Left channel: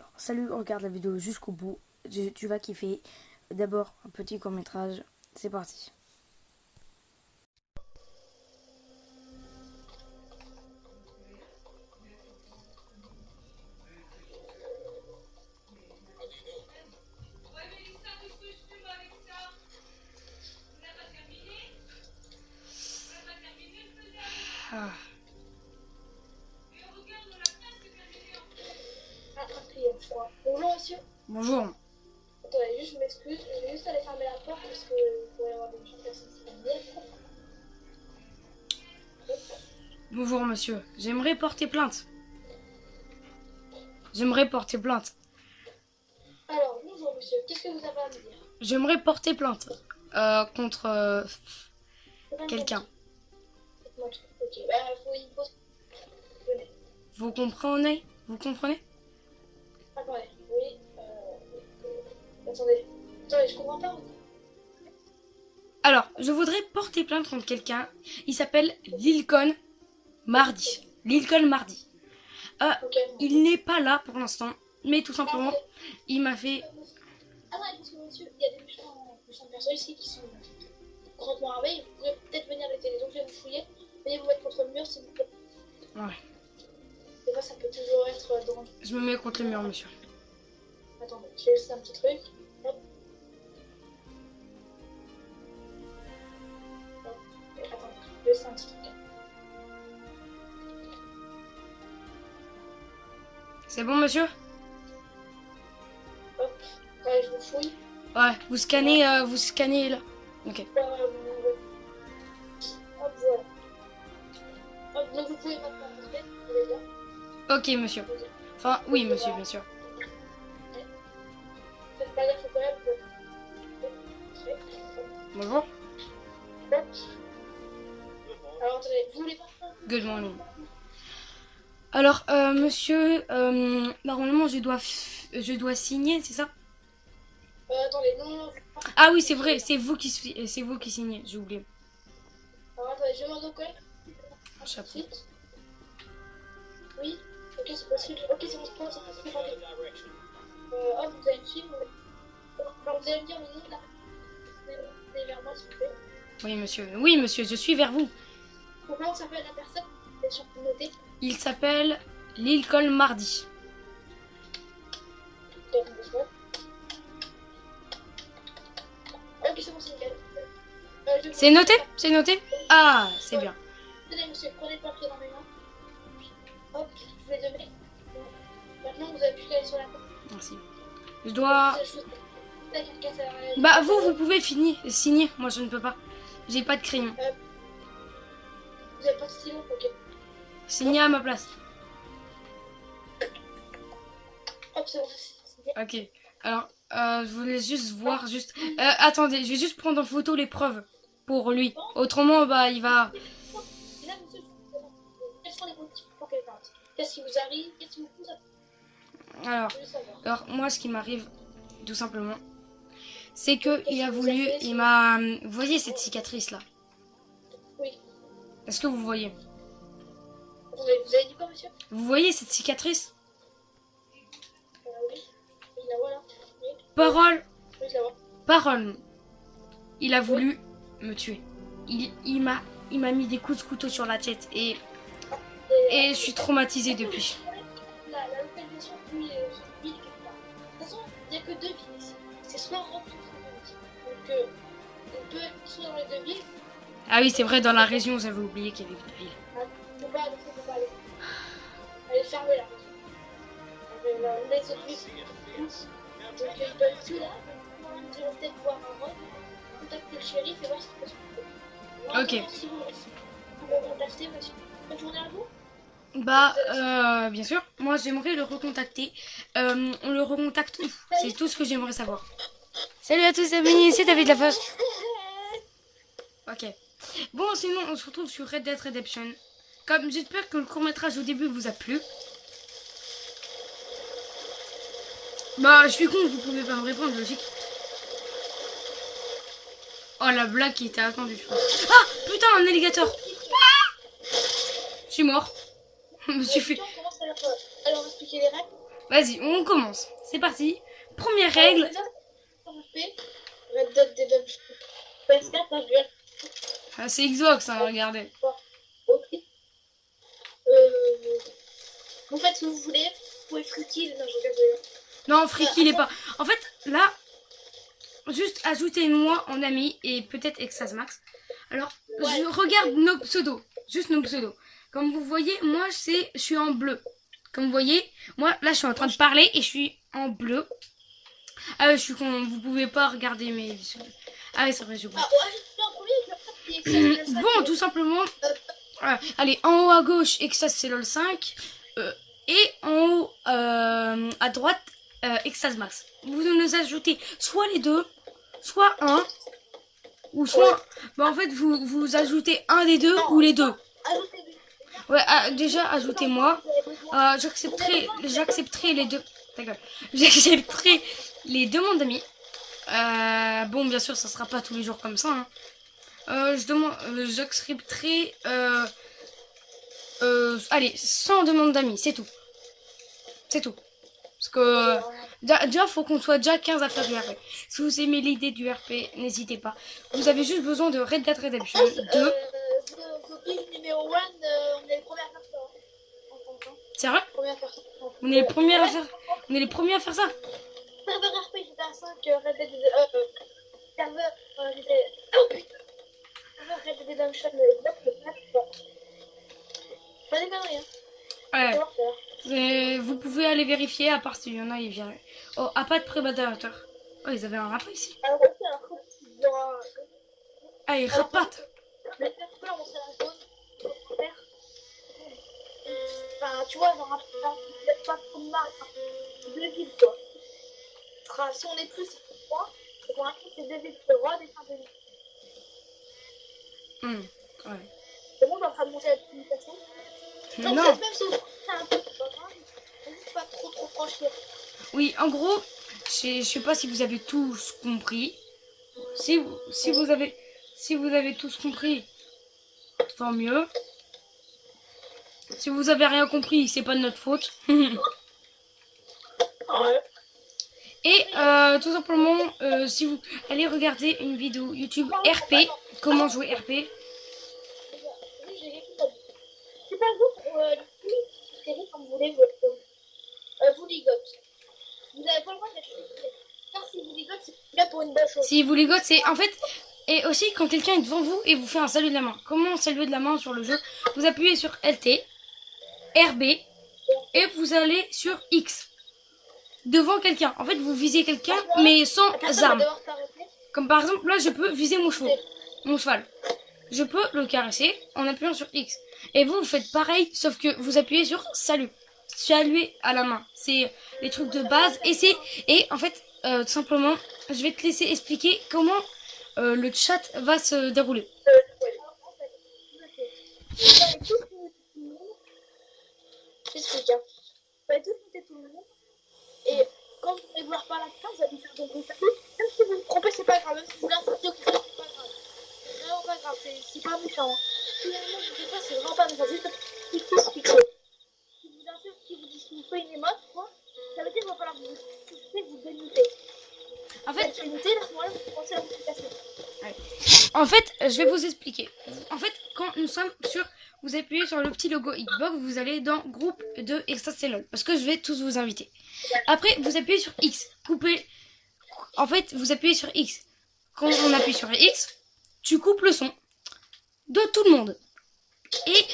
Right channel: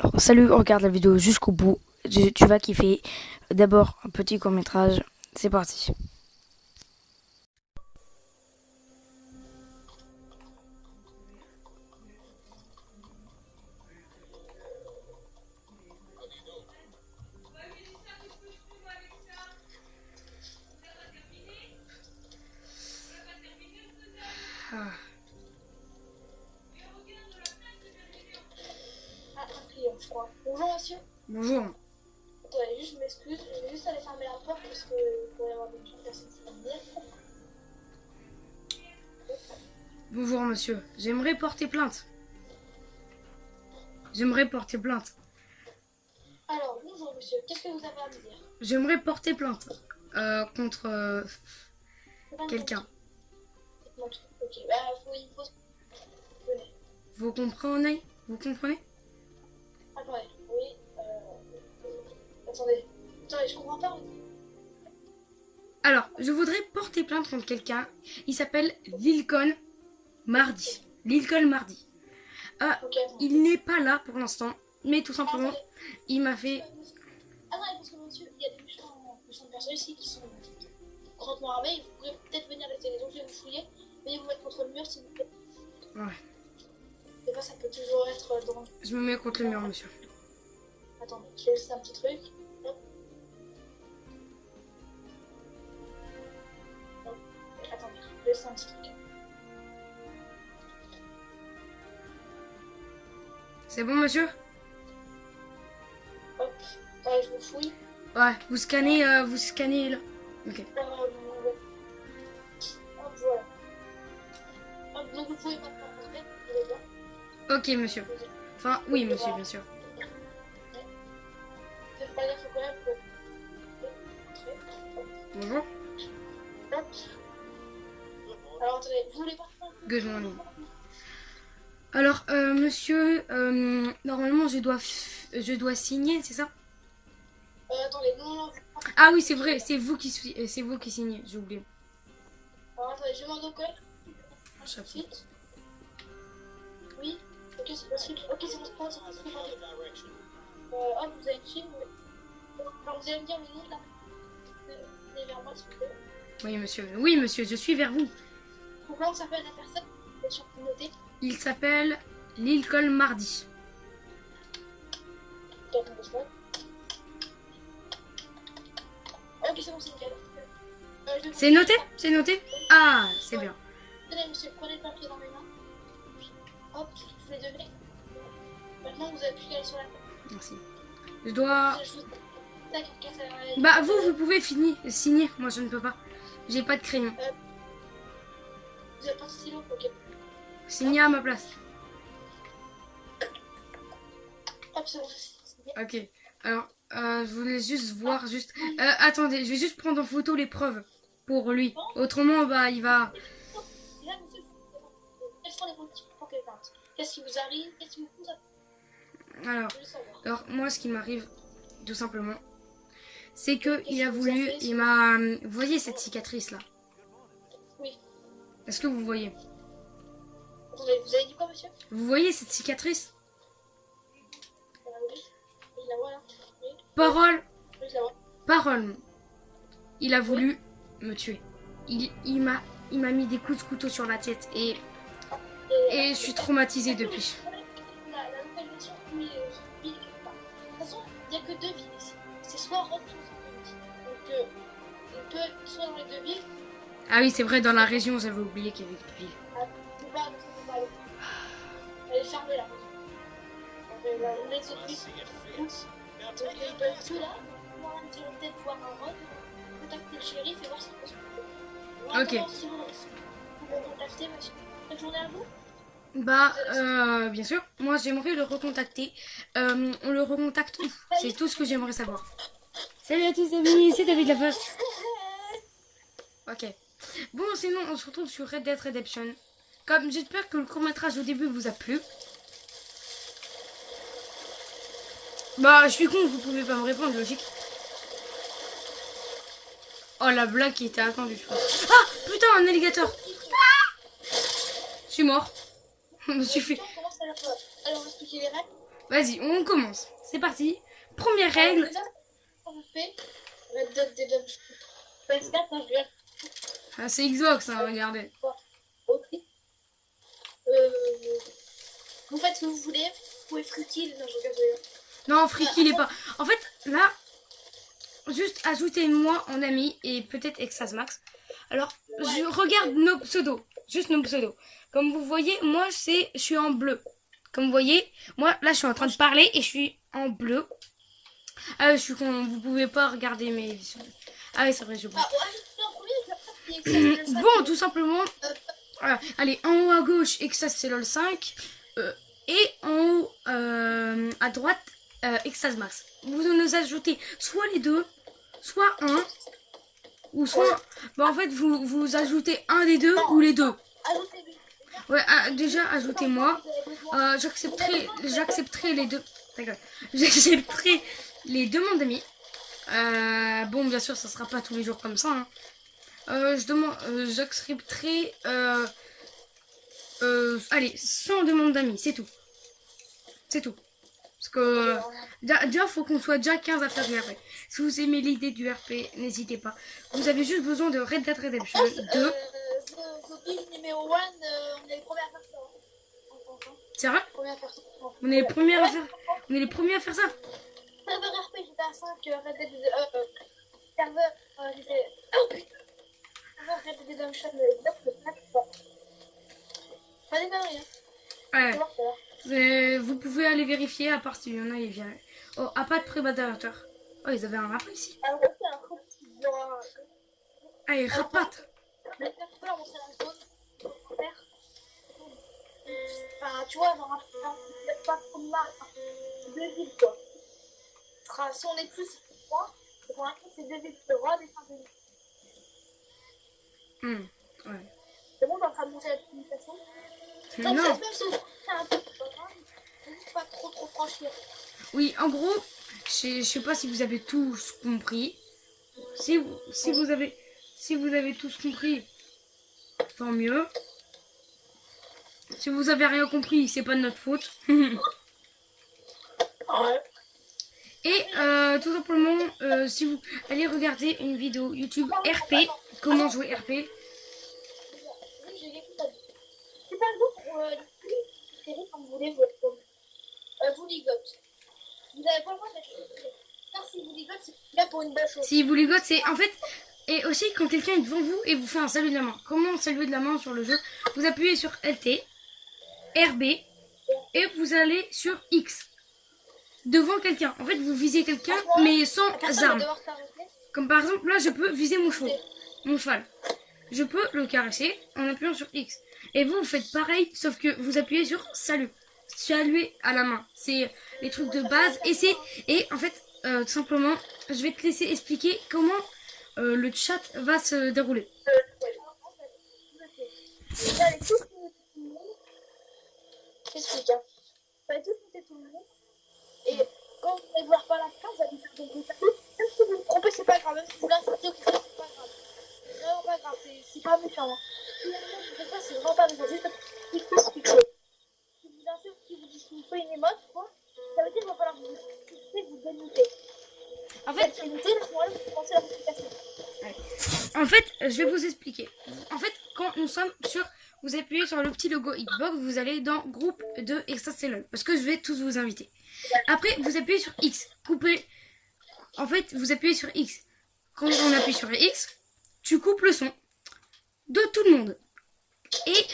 Alors, salut, regarde la vidéo jusqu'au bout. Tu vas kiffer. D'abord, un petit court-métrage. C'est parti. Ah. Un client, je crois. Bonjour monsieur. Bonjour. Attendez, juste je m'excuse. Je vais juste aller fermer la porte parce qu'il pourrait y avoir des personnes qui vont venir. Bonjour, monsieur. J'aimerais porter plainte. J'aimerais porter plainte. Alors, bonjour monsieur. Qu'est-ce que vous avez à me dire? J'aimerais porter plainte contre quelqu'un. Dites-moi tout. Ok, bah, il faut... Venez. Vous comprenez? Vous comprenez? Attendez, oui. Attendez, je comprends pas. Alors, je voudrais porter plainte contre quelqu'un. Il s'appelle Lilcon Mardi. Lilcon Mardi. Ok, Il n'est pas là pour l'instant, mais tout simplement, attendez. il m'a fait... Attendez, parce que monsieur, il y a des méchantes personnes ici qui sont grandement armées. Vous pourrez peut-être venir les aider. Donc, je vais vous fouiller. Veuillez vous mettre contre le mur s'il vous plaît. Ouais. Des fois, ça peut toujours être dangereux. Je me mets contre le mur, monsieur. Attendez, je vais laisser un petit truc. Hop. Hop. Attendez, je vais laisser un petit truc. C'est bon, monsieur? Hop. Attendez, je vous fouille. Ouais, vous scannez là. Ok. Hop, voilà. Hop, donc vous pouvez maintenant rentrer. Vous allez bien. Ok, monsieur. Enfin, oui, monsieur, bien sûr. Faites pas gaffe quand même. Vous pouvez rentrer. Hop. Bonjour. Hop. Alors, attendez, vous voulez pas... Good morning. Alors, monsieur, normalement, je dois signer, c'est ça? Attendez, non. Ah oui, c'est vrai, c'est vous qui signez, j'ai oublié. Alors, attendez, je demande au collègue. Chapeau. Ensuite. Oui. Ok, c'est possible. Ok, c'est bon, c'est bon, c'est bon. Hop, vous allez me suivre. Alors, vous allez me dire le nom de la... Venez vers moi, s'il vous plaît. Oui, monsieur, je suis vers vous. Comment s'appelle la personne? Vous êtes sûr de noter? Il s'appelle Lilcon Mardi. Ok, c'est bon, c'est nickel. C'est noté? C'est noté? Ah, c'est bien. Tenez, monsieur, prenez le papier dans mes mains. Hop, je vous l'ai donné. Maintenant, vous avez pu aller sur la porte. Merci. Je dois... Tac, casse à... Bah, vous pouvez signer. Moi, je ne peux pas. J'ai pas de crayon. Vous avez pas de stylo? Ok. Signer à ma place. Hop, c'est bon. Ok. Alors, je voulais juste voir, attendez, je vais juste prendre en photo les preuves pour lui. Autrement, bah, il va... Là, monsieur, quels sont les motifs pour qu'elle parte? Qu'est-ce qui vous arrive? Qu'est-ce qui vous a... Alors, Je veux savoir. moi, ce qui m'arrive, tout simplement, c'est que il a que vous voulu... avez fait Il m'a... Vous voyez cette cicatrice-là? Oui. Est-ce que vous voyez? Attendez, vous avez dit quoi, monsieur? Vous voyez cette cicatrice? Oui. Oui, la voilà. Oui. Parole! Oui, je la vois. Parole! Il a voulu me tuer. Il m'a mis des coups de couteau sur la tête et je suis traumatisée depuis. La localisation, oui, ville quelque part. De toute façon, il n'y a que deux villes ici. C'est soit Rome, soit Saint-Denis. Donc, on peut être soit dans les deux villes. Ah oui, c'est vrai, dans la région, j'avais oublié qu'il y avait une ville. On peut pas aller. Elle est fermée la région. Les autres villes. Donc, ils peuvent tout là. Moi, nous allons peut-être voir un Rome, contacter le shérif et voir ce qu'il peut se passer. Ok. Si vous me contactez, monsieur. Bonne journée à vous. Bah, bien sûr. Moi, j'aimerais le recontacter. On le recontacte où? C'est tout ce que j'aimerais savoir. Salut à tous, c'est Benny, c'est David Lafosse. Ok. Bon, sinon, on se retrouve sur Red Dead Redemption. Comme j'espère que le court-métrage au début vous a plu. Bah, je suis con, vous pouvez pas me répondre, logique. Oh, la blague qui était attendue, je pense. Ah, putain, un alligator. Je suis mort. Je me suis fait... Alors, on va expliquer les règles. Vas-y, on commence. C'est parti. Première règle. Déjà, on fait Red Dead Redemption. PS4, hein, je regarde. Ah, c'est Xbox, hein, regardez. Ok. Vous faites ce que vous voulez. Vous pouvez freaky. Non, je regarde. Non, Friki, il est pas. En fait, là, juste ajoutez-moi en ami et peut-être Exas Max. Alors, je regarde nos pseudos. Juste nos pseudos. Comme vous voyez, moi, je suis en bleu. Comme vous voyez, moi, là, je suis en train de parler et je suis en bleu. Ah, je suis con. Vous pouvez pas regarder mes. Ah, oui, c'est vrai, j'ai oublié. Ah, ouais, je suis en premier. Je vais Bon, tout simplement. Allez, en haut à gauche, Exas c'est LOL 5. Et en haut à droite, Exas Max. Vous nous ajoutez soit les deux, soit un, ou soit. Bah, en fait, vous ajoutez un des deux ou les deux. Ouais, déjà, ajoutez-moi. J'accepterai les deux. D'accord. J'accepterai les demandes d'amis. Bon, bien sûr, ça sera pas tous les jours comme ça. Hein. J'accepterai. Allez, 100 demandes d'amis, c'est tout. C'est tout. Parce que déjà, faut qu'on soit déjà 15 à faire du RP. Si vous aimez l'idée du RP, n'hésitez pas. Vous avez juste besoin de Red Dead Redemption 2. Numéro 1, on est les premiers à faire ça. C'est vrai? On est les premiers à faire ça. Serveur RP, j'étais à 5, Red Dead serveur, j'étais... Oh putain! Serveur Red Dead Redemption, pas des conneries, hein. Ouais. Vous pouvez aller vérifier, à part s'il y en a, il vient. Oh, à pas de prédateur. Oh, ils avaient un rap ici. Alors, ok, alors, il y aura... Ah, ils rapatent. Mais peut-être que là, on serait la zone. Enfin, tu vois, genre, peut-être pas trop de mal. Deux villes, quoi. Si on est plus, c'est 3. Et pour l'instant, c'est deux villes. Le roi des Saint-Denis. Ouais. C'est bon, on est en train de monter la communication. Non. Même si c'est un peu pas trop franchir. Oui, en gros, je sais pas si vous avez tous compris. Si vous avez tous compris, tant mieux. Si vous avez rien compris, c'est pas de notre faute. Ouais. Et tout simplement, si vous allez regarder une vidéo YouTube RP, comment jouer RP. Oui, j'ai quelque chose à dire. C'est pas d'autres séries comme vous voulez, vous ligote. Vous n'avez pas le droit d'être car si vous ligote, c'est bien pour une bonne chose. Si vous ligote, c'est en fait. Et aussi quand quelqu'un est devant vous et vous fait un salut de la main. Comment saluer de la main sur le jeu? Vous appuyez sur LT, RB et vous allez sur X. Devant quelqu'un. En fait, vous visez quelqu'un, mais sans arme. Comme par exemple, là, je peux viser mon cheval. Je peux le caresser en appuyant sur X. Et vous faites pareil, sauf que vous appuyez sur salut. Saluer à la main. C'est les trucs de base. Et en fait, tout simplement, je vais te laisser expliquer comment le chat va se dérouler. J'explique, hein. Vous allez tous monter tout le monde. Et quand vous allez vouloir parler à quelqu'un, vous allez lui faire des bruits. Même si vous vous trompez, c'est pas grave. Même si vous l'insultez ou quelque chose, c'est pas grave. C'est vraiment pas grave. C'est pas méchant. Hein. Si vous insultez pas, c'est vraiment pas méchant. C'est juste quelque chose. Si vous insultez, si vous dites qu'il vous fait une émote, quoi, ça veut dire qu'il va falloir vous insulter, vous démuter. En fait, démuter, là, à ce moment-là, vous commencez la notification. En fait, je vais vous expliquer. En fait, quand nous sommes sur... Vous appuyez sur le petit logo Xbox, vous allez dans groupe de Exas LOL. Parce que je vais tous vous inviter. Après, vous appuyez sur X. Couper. En fait, vous appuyez sur X. Quand on appuie sur X, tu coupes le son de tout le monde. Et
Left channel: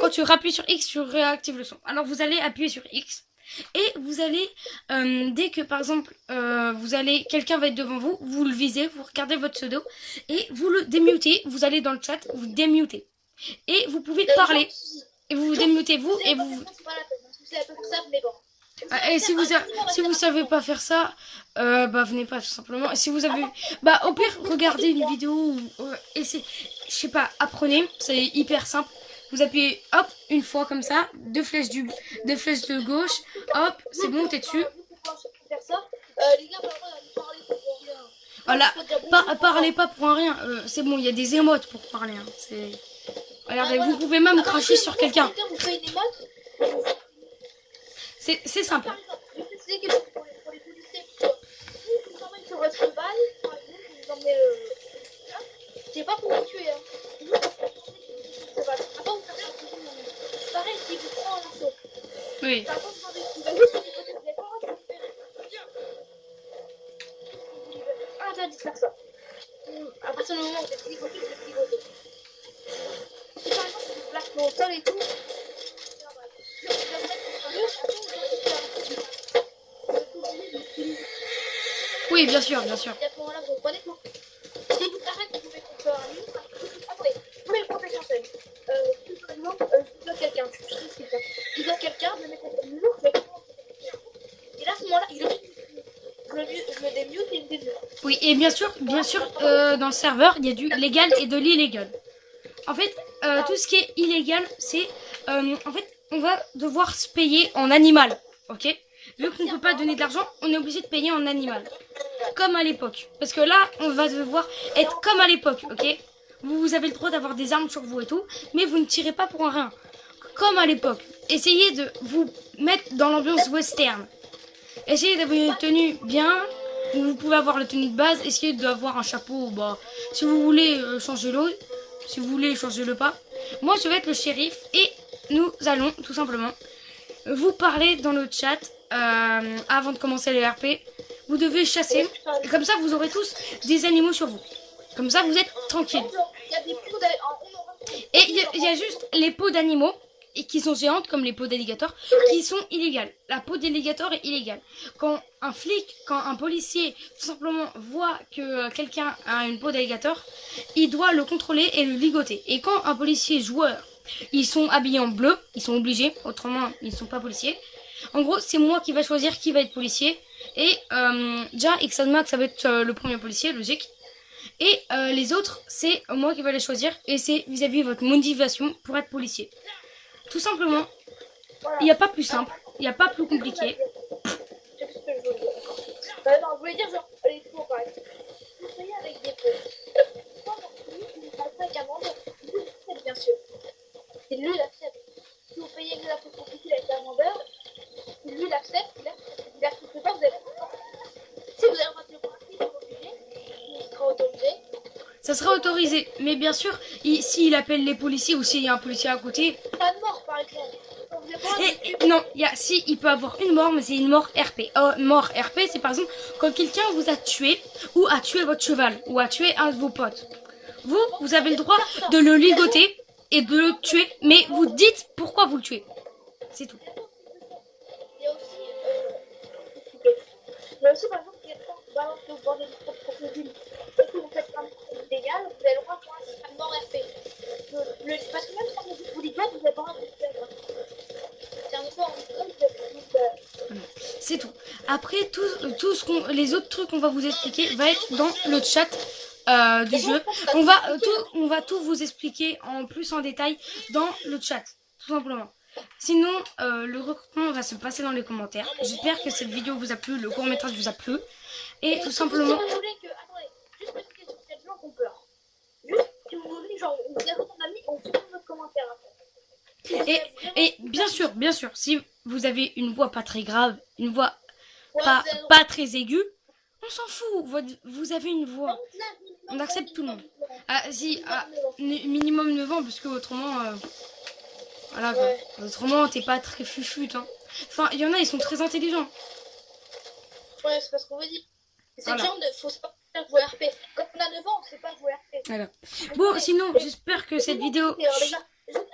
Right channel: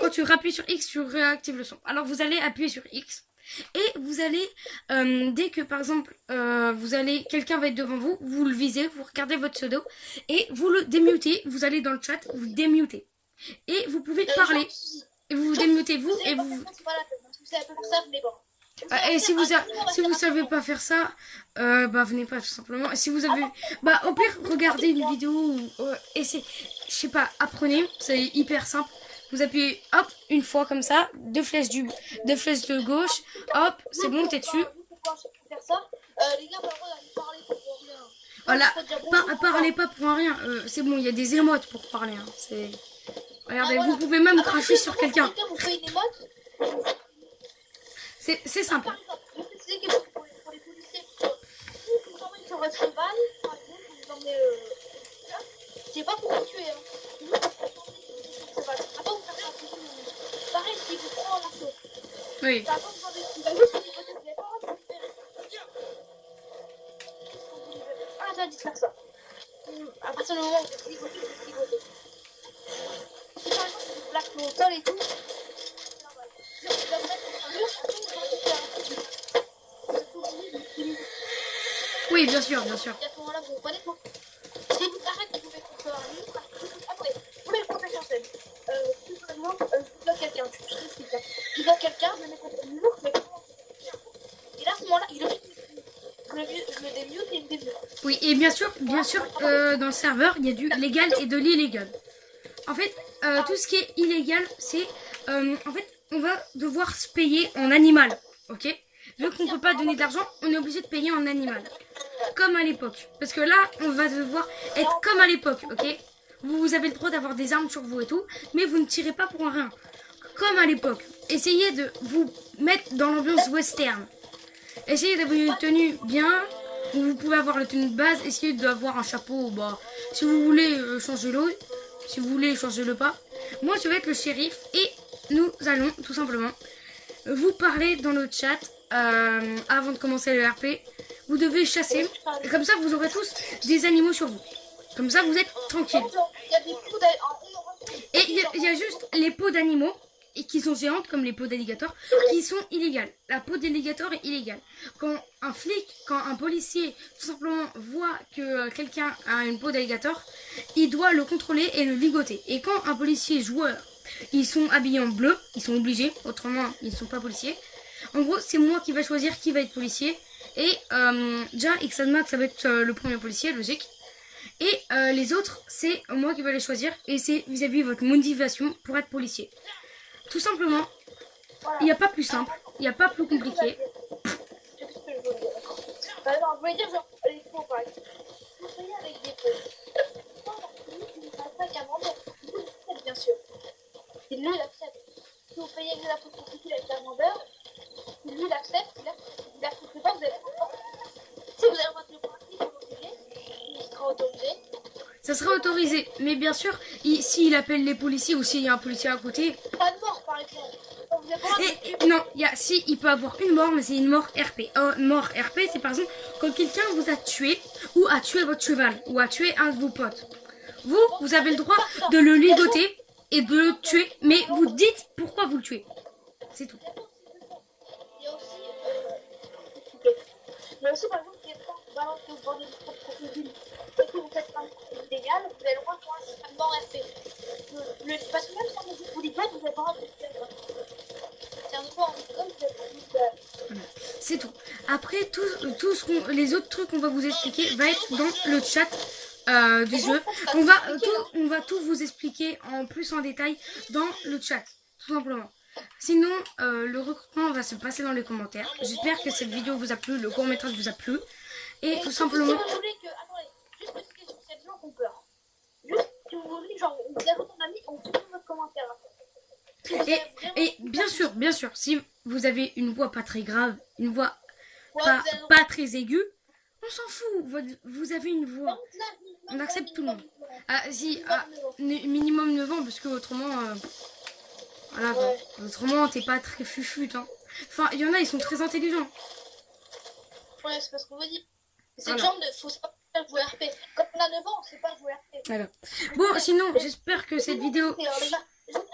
quand tu appuies sur X, tu réactives le son. Alors, vous allez appuyer sur X. Et vous allez, dès que par exemple, quelqu'un va être devant vous, vous le visez, vous regardez votre pseudo et vous le démutez. Vous allez dans le chat, vous démutez. Et vous pouvez parler. Et vous vous démutez vous et vous. Et si vous savez pas faire ça, bah venez pas tout simplement. Et si vous avez, bah au pire regardez une vidéo ou essayez, je sais pas, apprenez, c'est hyper simple. Vous appuyez hop une fois comme ça, deux flèches de gauche, hop, c'est bon, t'es dessus. Voilà, parlez pas pour un rien. C'est bon, il y a des émotes pour parler. Hein. Regardez, vous pouvez même cracher sur quelqu'un. C'est simple. Par exemple, je vais préciser quelque chose pour les policiers. Si vous emmenez sur votre cheval, par exemple, vous emmenez là, c'est pas pour vous tuer. Hein. Vous emmenez sur votre cheval. Après, vous faites un peu de pareil, si vous prenez en assaut. Oui. Par contre, vous avez juste une hypothèse, vous n'avez pas le droit de vous libérer. Ah, j'ai dit de faire ça. À partir du moment où vous êtes ligoté, vous êtes ligoté. Si par exemple, vous plaquez au sol et tout, c'est normal. Vous allez mettre contre un mur, après, vous allez faire un peu de vous êtes obligé de l'utiliser. Oui, bien sûr, bien sûr. Et à ce moment-là, vous reprenez quoi. Si vous arrêtez, vous mettez contre un mur, après, vous mettez le protège en scène. Si par exemple, je bloque quelqu'un, je bloque quelqu'un, je le mets contre le mur, je mets contre le. Et là, à ce moment-là, il est obligé de je le démute et il me démute. Oui, et bien sûr, dans le serveur, il y a du légal et de l'illégal. En fait, tout ce qui est illégal, c'est... en fait, on va devoir se payer en animal, ok? Vu qu'on ne peut pas donner de l'argent, on est obligé de payer en animal. Comme à l'époque. Parce que là, on va devoir être comme à l'époque, ok? Vous avez le droit d'avoir des armes sur vous et tout, mais vous ne tirez pas pour un rien. Comme à l'époque. Essayez de vous mettre dans l'ambiance western. Essayez d'avoir une tenue bien. Vous pouvez avoir la tenue de base. Essayez d'avoir un chapeau. Bah, si vous voulez changer l'eau, si vous voulez changer le pas. Moi, je vais être le shérif et nous allons tout simplement vous parler dans le chat avant de commencer le RP. Vous devez chasser. Et comme ça, vous aurez tous des animaux sur vous. Comme ça, vous êtes tranquille. Il y a des peaux Et il y a juste les peaux d'animaux et qui sont géantes comme les peaux d'alligator qui sont illégales. La peau d'alligator est illégale. Quand un flic, quand un policier tout simplement voit que quelqu'un a une peau d'alligator, il doit le contrôler et le ligoter. Et quand un policier joueur, ils sont habillés en bleu, ils sont obligés, autrement ils ne sont pas policiers. En gros, c'est moi qui va choisir qui va être policier. Et déjà, Xanmax, ça va être le premier policier, logique. Et les autres, c'est moi qui vais les choisir. Et c'est vis-à-vis de votre motivation pour être policier. Tout simplement, il n'y a pas plus simple, il n'y a pas plus compliqué. Non, je voulais dire genre, les pots par exemple. Vous payez avec des pots. Vous ne pas qu'un vendeur, vous l'acceptez bien sûr. Et lui, il accepte. Si vous payez avec la peau compliquée avec un vendeur, si lui, il accepte, il accepte pas, vous avez pas. Si vous avez un voiture pour il est obligé, il sera autorisé. Ça sera autorisé, mais bien sûr, s'il appelle les policiers ou s'il y a un policier à côté. Pas de mort par exemple. Vous avez pas Non, si, il peut avoir une mort, mais c'est une mort RP. Mort RP, c'est par exemple quand quelqu'un vous a tué ou a tué votre cheval ou a tué un de vos potes. Vous avez le droit de le ligoter et de le tuer, mais vous dites pourquoi vous le tuez. C'est tout. il y a aussi par exemple, qui est pas balance au bord de votre crocodile. Et que vous faites un illégal, vous avez le droit de voir un mort RP. Parce que même si vous dites pas, vous n'avez pas le droit de le faire. C'est un effort en comme vous avez C'est tout. Après, les autres trucs qu'on va vous expliquer va être dans le chat du jeu. On va tout vous expliquer en plus en détail dans le chat, tout simplement. Sinon, le recrutement va se passer dans les commentaires. J'espère que cette vidéo vous a plu, le court-métrage vous a plu. Et tout simplement... Si vous voulez que... Attendez, juste une question, il y a des gens qui ont peur. Juste, si vous voulez, genre, on vous ajoute ton ami, on supprime votre commentaire après. Et bien sûr, si vous avez une voix pas très grave, une voix Ouais, pas très aiguë, on s'en fout. Vous avez une voix. On accepte tout le monde. Ah, si, minimum 9 ans, parce que autrement... voilà, ouais. Autrement, t'es pas très fufute. Hein. Enfin, il y en a, ils sont très intelligents. Ouais, c'est parce qu'on veut dire. C'est Voilà. le genre de. Faut savoir jouer RP. Quand on a 9 ans, on sait pas jouer RP. Voilà. Bon, sinon, j'espère que cette vidéo... Les gars, attends,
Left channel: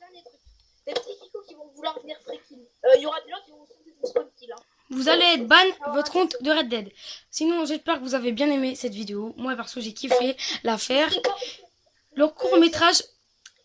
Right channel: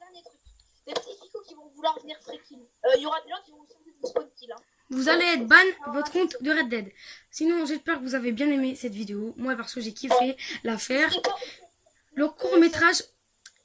dernier truc. Les petits kikos qui vont vouloir venir freaking. Il y aura des gens qui vont changer de spawn kill. Hein. Vous allez être ban votre compte de Red Dead. Sinon, j'espère que vous avez bien aimé cette vidéo. Moi, parce que j'ai kiffé la faire. Le court-métrage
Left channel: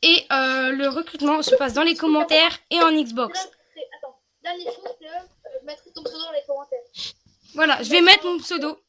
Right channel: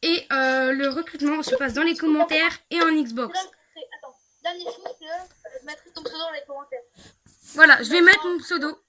et le recrutement se passe dans les commentaires et en Xbox. Attends, dernière chose, c'est je mettrai ton pseudo dans les commentaires. Voilà, je vais mettre mon pseudo.